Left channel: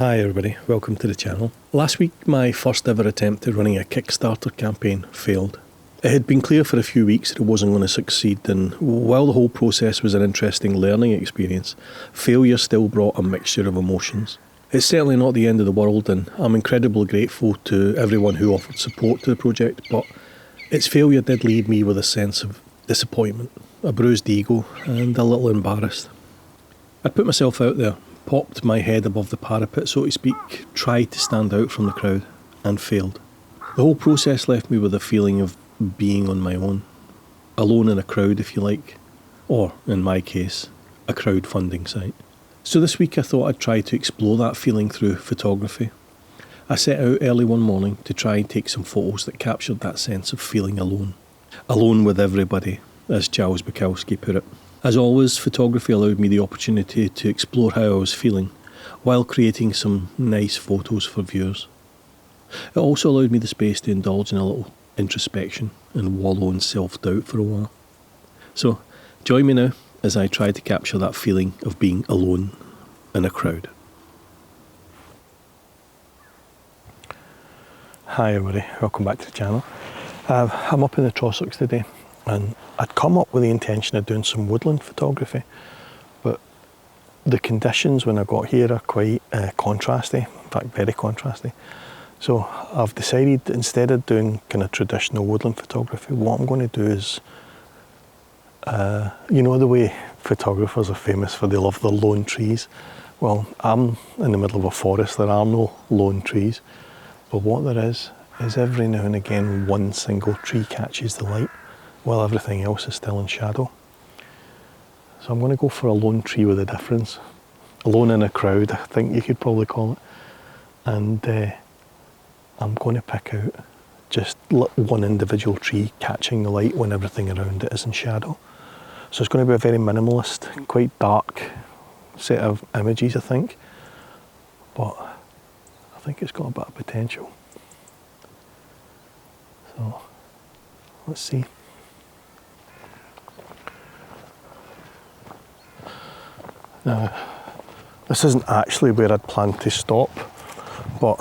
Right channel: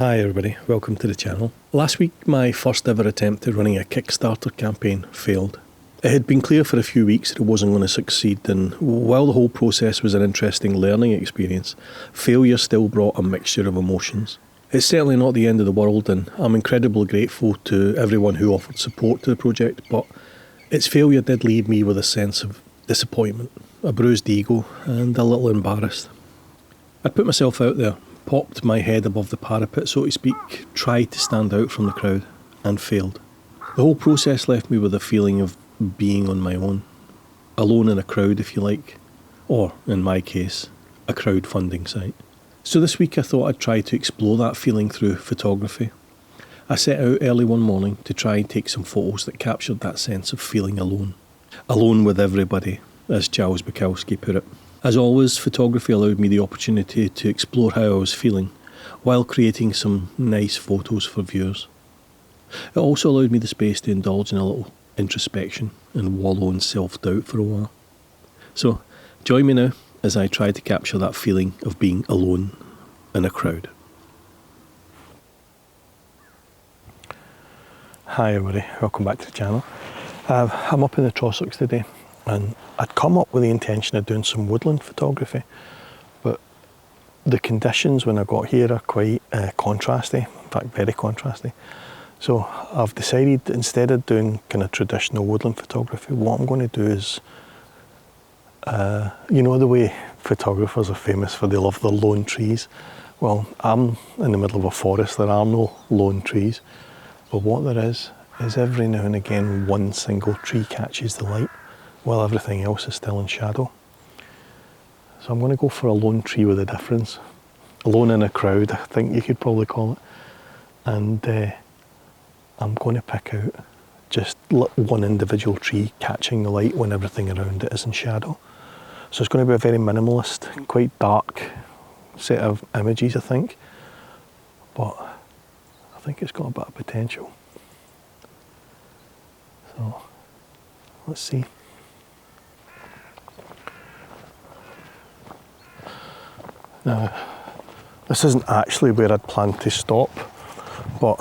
Hi everybody, welcome to the channel. Last week my first ever attempt at running a Kickstarter campaign failed. It had been clear for a few weeks that it wasn't going to succeed, and while the whole process was an interesting learning experience, failure still brought a mixture of emotions. It's certainly not the end of the world, and I'm incredibly grateful to everyone who offered support to the project, but its failure did leave me with a sense of disappointment, a bruised ego, and a little embarrassed. I put myself out there, popped my head above the parapet, so to speak, tried to stand out from the crowd, and failed. The whole process left me with a feeling of being on my own, alone in a crowd if you like, or, in my case, a crowdfunding site. So this week I thought I'd try to explore that feeling through photography. I set out early one morning to try and take some photos that captured that sense of feeling alone. Alone with everybody, as Charles Bukowski put it. As always, photography allowed me the opportunity to explore how I was feeling, while creating some nice photos for viewers. It also allowed me the space to indulge in a little introspection and wallow in self-doubt for a while. So, join me now as I try to capture that feeling of being alone in a crowd. Hi everybody, welcome back to the channel. I'm up in the Trossachs today, and I'd come up with the intention of doing some woodland photography, but the conditions when I got here are quite contrasty, in fact very contrasty. So I've decided, instead of doing kind of traditional woodland photography, what I'm going to do is, you know the way photographers are famous for they love the lone trees? Well, I'm in the middle of a forest, there are no lone trees, but what there is every now and again one single tree catches the light, while everything else is still in shadow. So I'm going to go for a lone tree with a difference. Alone in a crowd, I think you could probably call it. And I'm going to pick out just one individual tree catching the light when everything around it is in shadow. So it's going to be a very minimalist, quite dark set of images, I think. But I think it's got a bit of potential. So let's see. Now, this isn't actually where I'd planned to stop, but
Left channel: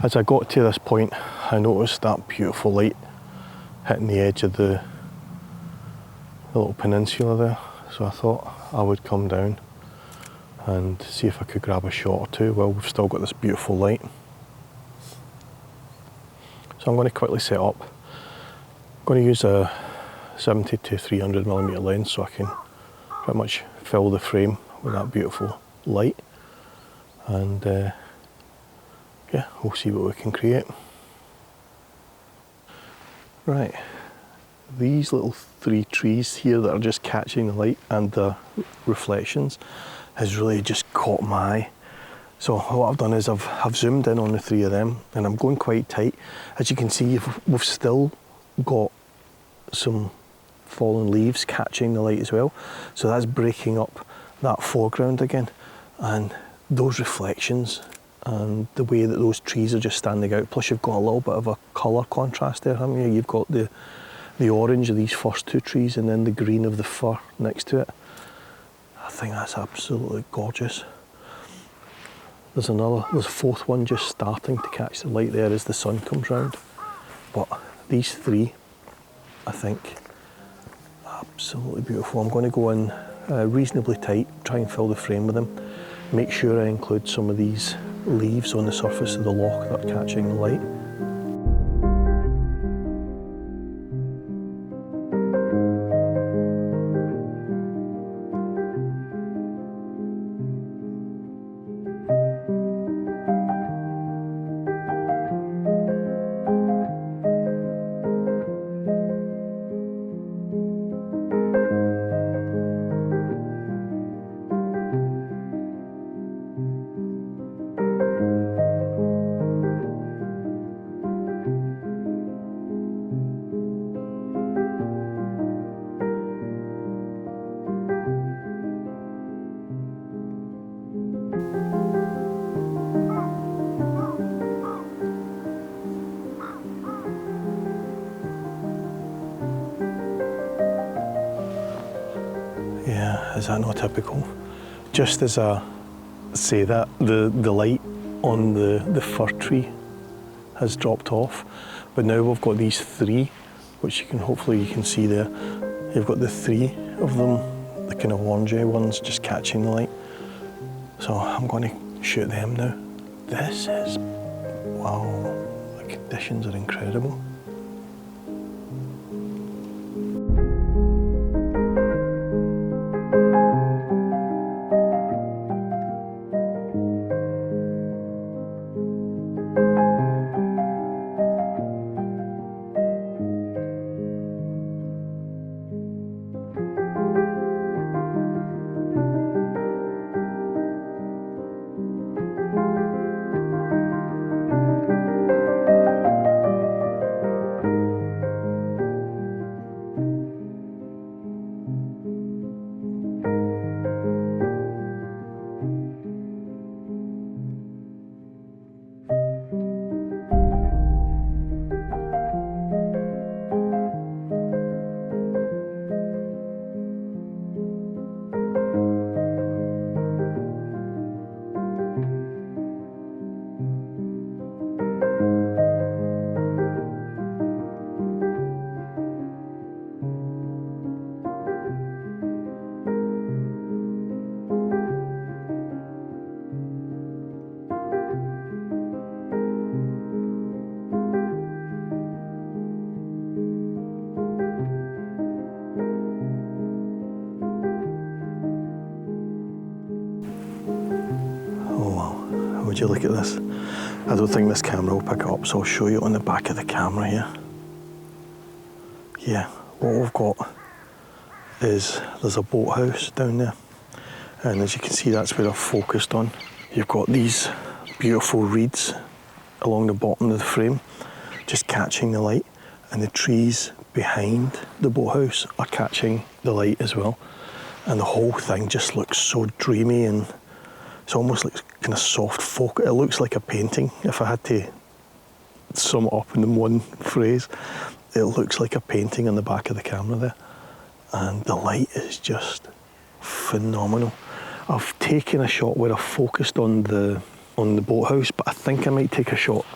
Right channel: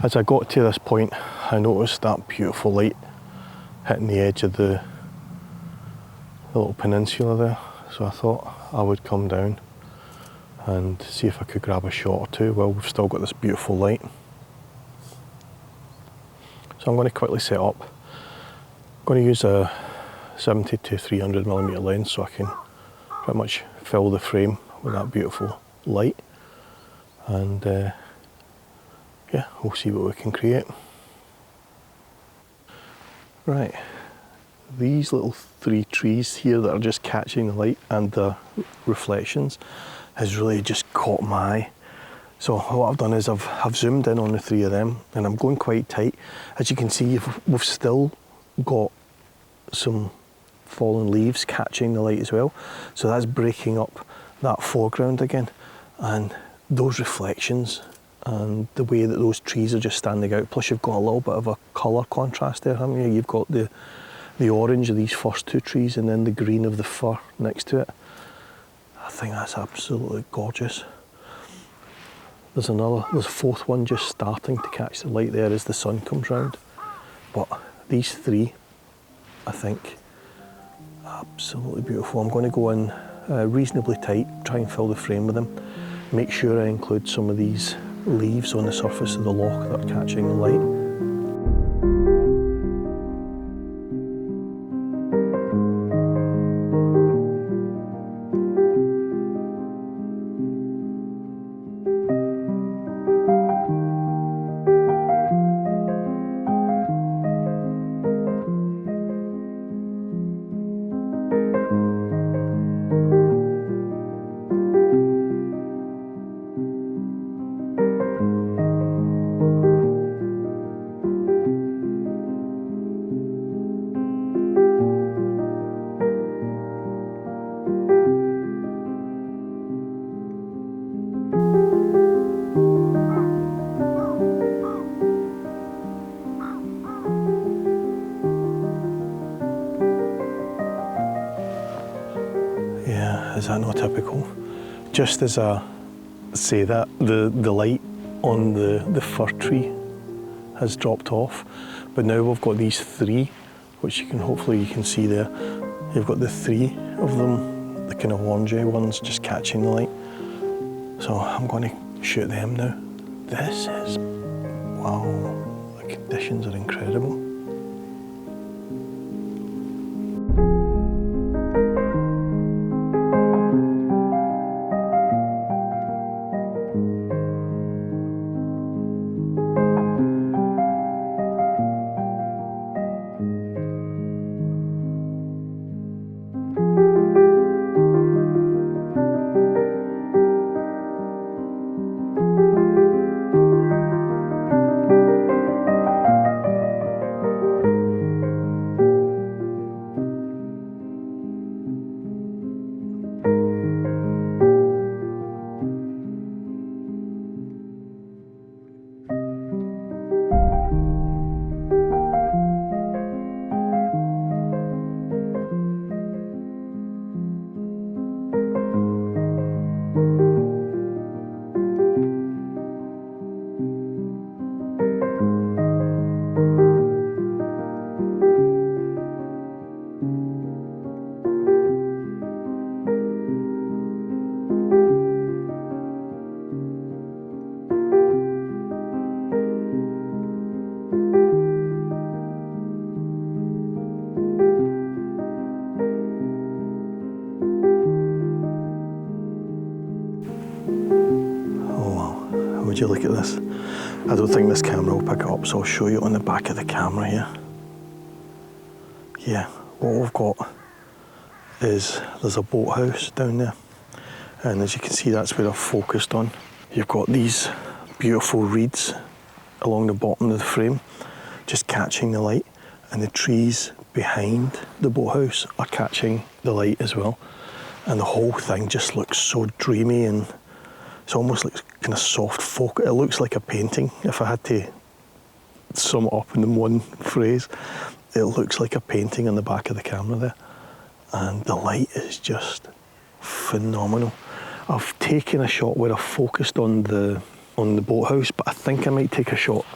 as I got to this point, I noticed that beautiful light hitting the edge of the little peninsula there. So I thought I would come down and see if I could grab a shot or two while we've still got this beautiful light. So I'm going to quickly set up. I'm going to use a 70 to 300mm lens so I can pretty much fill the frame with that beautiful light, and yeah, we'll see what we can create. Right, these little three trees here that are just catching the light and the reflections has really just caught my eye. So what I've done is I've zoomed in on the three of them, and I'm going quite tight. As you can see, we've still got some fallen leaves catching the light as well, so that's breaking up that foreground again, and those reflections and the way that those trees are just standing out, plus you've got a little bit of a colour contrast there, haven't you? You've got the orange of these first two trees and then the green of the fir next to it. I think that's absolutely gorgeous. There's a fourth one just starting to catch the light there as the sun comes round, but these three, I think, absolutely beautiful. I'm going to go in reasonably tight, try and fill the frame with them. Make sure I include some of these leaves on the surface of the loch that are catching the light. Yeah, is that not typical? Just as a say that the light on the fir tree has dropped off, but now we've got these three, which hopefully you can see there. You've got the three of them, the kind of orangey ones, just catching the light. So I'm going to shoot them now. This is, wow, the conditions are incredible. Would you look at this? I don't think this camera will pick it up, so I'll show you on the back of the camera here. Yeah, what we've got is there's a boathouse down there, and as you can see, that's where I've focused on. You've got these beautiful reeds along the bottom of the frame, just catching the light, and the trees behind the boathouse are catching the light as well. And the whole thing just looks so dreamy, and it's almost like kind of soft focus. It looks like a painting. If I had to sum it up in one phrase, it looks like a painting on the back of the camera there. And the light is just phenomenal. I've taken a shot where I focused on the boathouse, but I think I might take a shot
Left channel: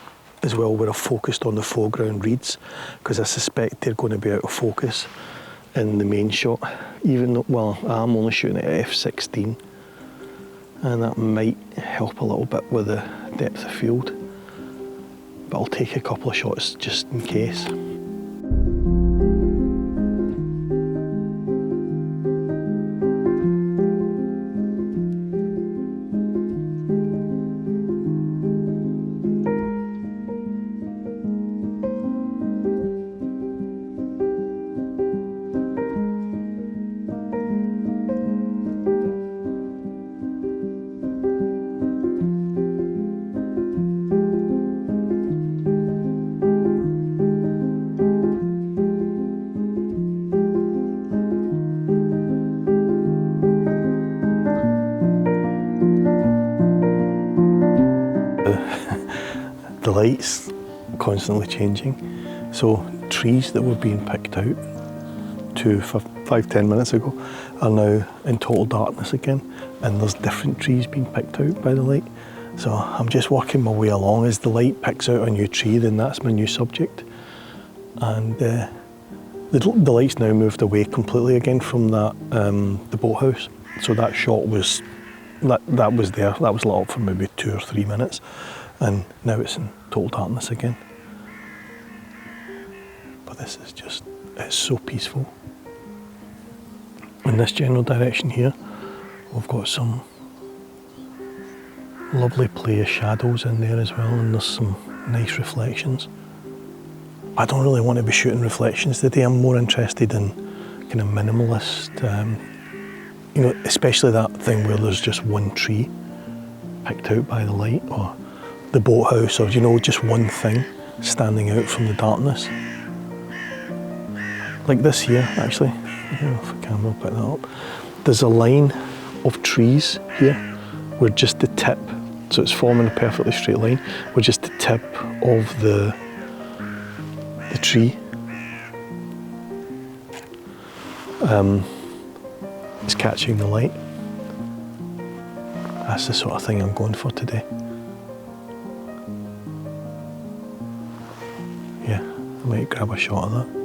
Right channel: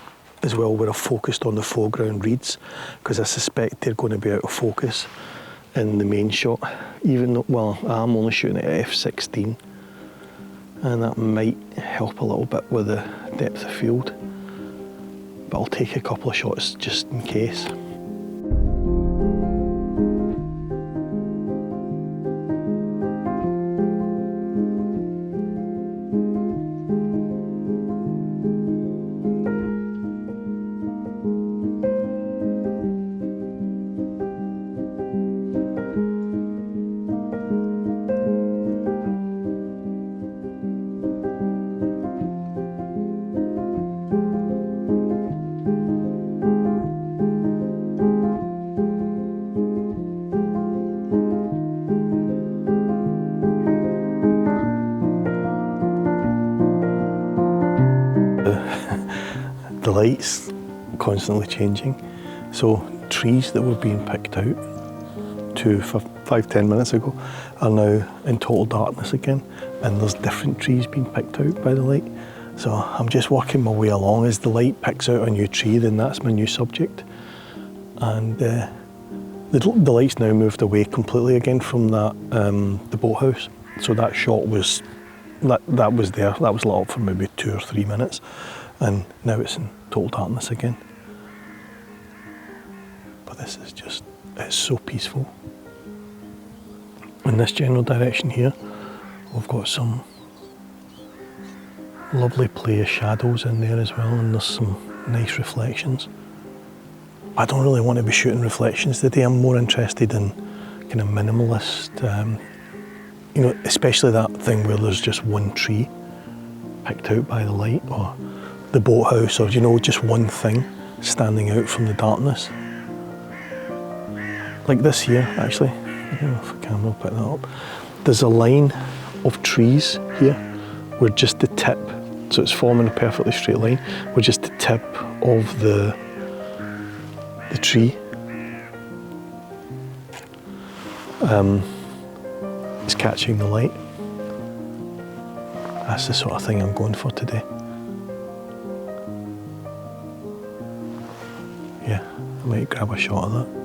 as well where I focused on the foreground reeds, because I suspect they're going to be out of focus in the main shot. Even though, well, I'm only shooting at f/16. And that might help a little bit with the depth of field, but I'll take a couple of shots just in case. The light's constantly changing, so trees that were being picked out 5-10 minutes ago are now in total darkness again, and there's different trees being picked out by the light. So I'm just working my way along. As the light picks out a new tree, then that's my new subject. And the light's now moved away completely again from that the boathouse. So that shot was that was there. That was lit up for maybe 2 or 3 minutes, and now it's in total darkness again. But this is just, it's so peaceful. In this general direction here, we've got some lovely play of shadows in there as well, and there's some nice reflections. I don't really want to be shooting reflections today. I'm more interested in kind of minimalist, you know, especially that thing where there's just one tree picked out by the light, or the boathouse, or, you know, just one thing standing out from the darkness. Like this here, actually. I don't know if the camera will pick that up. There's a line of trees here where just the tip, so it's forming a perfectly straight line, where just the tip of the tree is catching the light. That's the sort of thing I'm going for today. Yeah, I might grab a shot of that.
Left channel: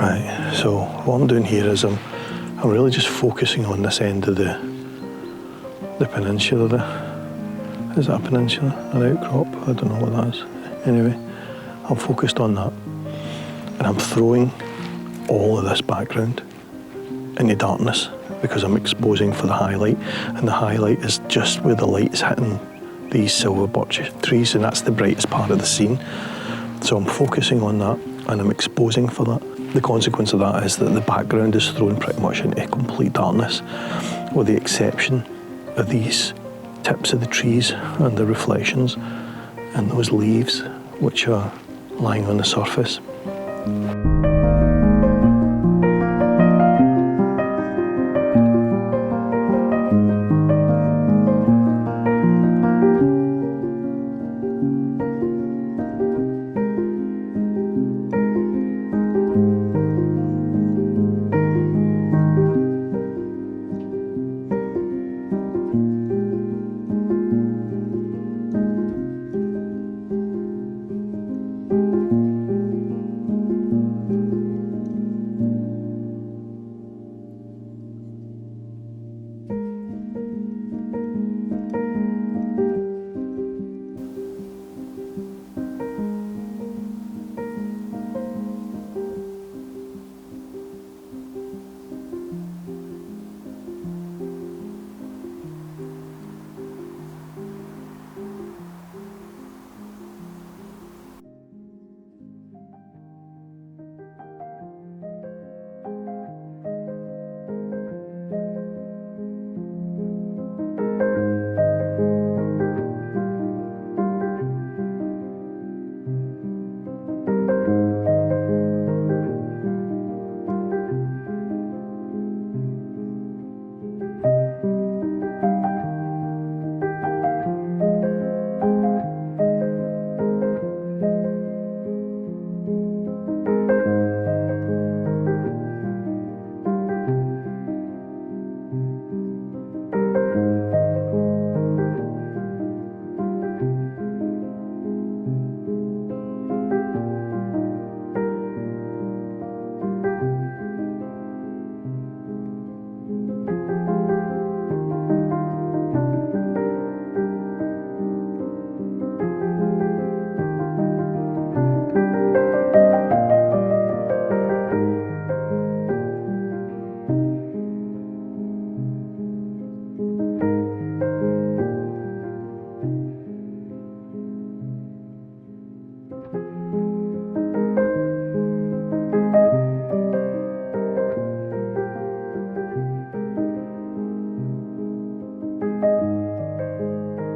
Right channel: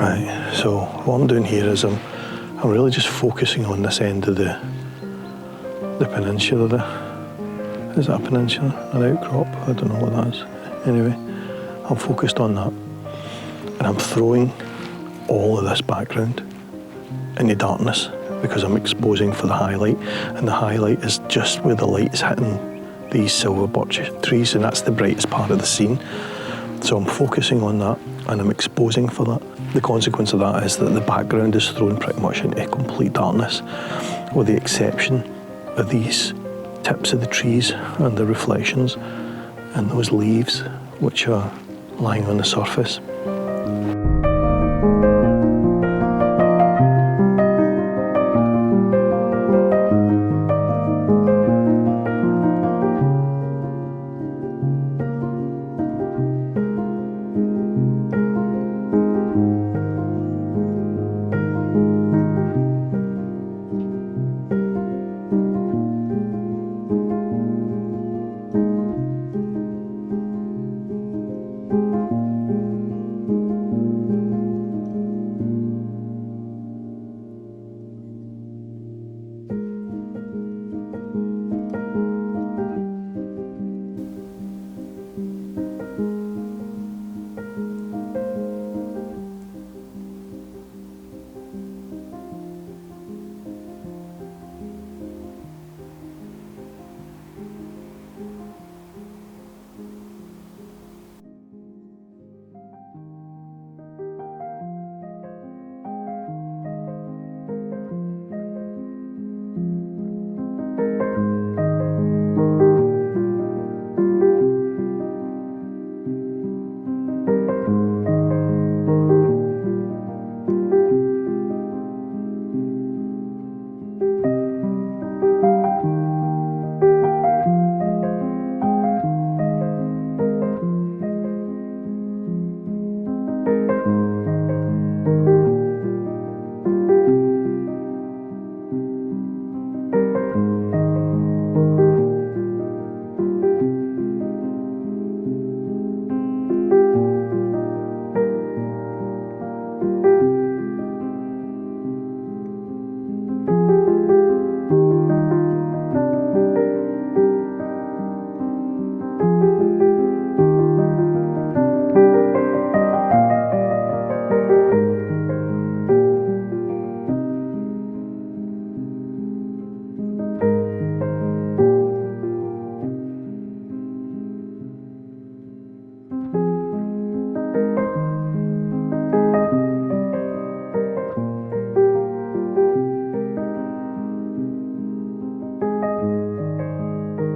Right, so what I'm doing here is I'm really just focusing on this end of the peninsula there. Is that a peninsula? An outcrop? I don't know what that is. Anyway, I'm focused on that. And I'm throwing all of this background into darkness because I'm exposing for the highlight. And the highlight is just where the light is hitting these silver birch trees, and that's the brightest part of the scene. So I'm focusing on that and I'm exposing for that. The consequence of that is that the background is thrown pretty much into complete darkness, with the exception of these tips of the trees and the reflections and those leaves which are lying on the surface.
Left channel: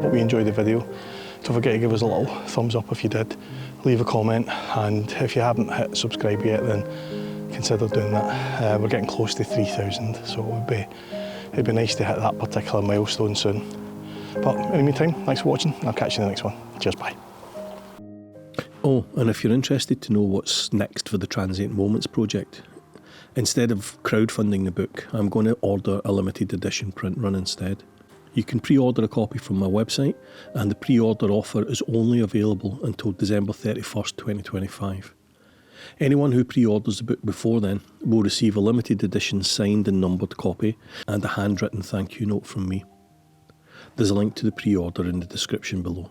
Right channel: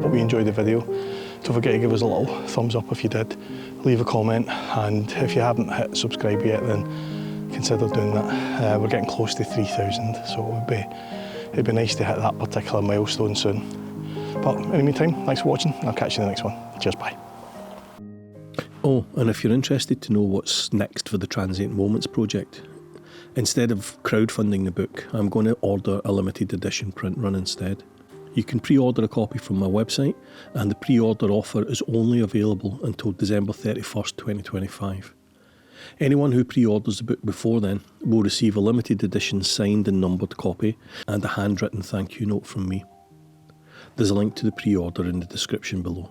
Hope you enjoyed the video. Don't forget to give us a little thumbs up if you did. Leave a comment, and if you haven't hit subscribe yet, then consider doing that. We're getting close to 3,000, so it'd be nice to hit that particular milestone soon. But in the meantime, thanks for watching. I'll catch you in the next one. Cheers, bye. Oh, and if you're interested to know what's next for the Transient Moments project, instead of crowdfunding the book, I'm going to order a limited edition print run instead. You can pre-order a copy from my website, and the pre-order offer is only available until December 31st, 2025. Anyone who pre-orders the book before then will receive a limited edition signed and numbered copy and a handwritten thank you note from me. There's a link to the pre-order in the description below.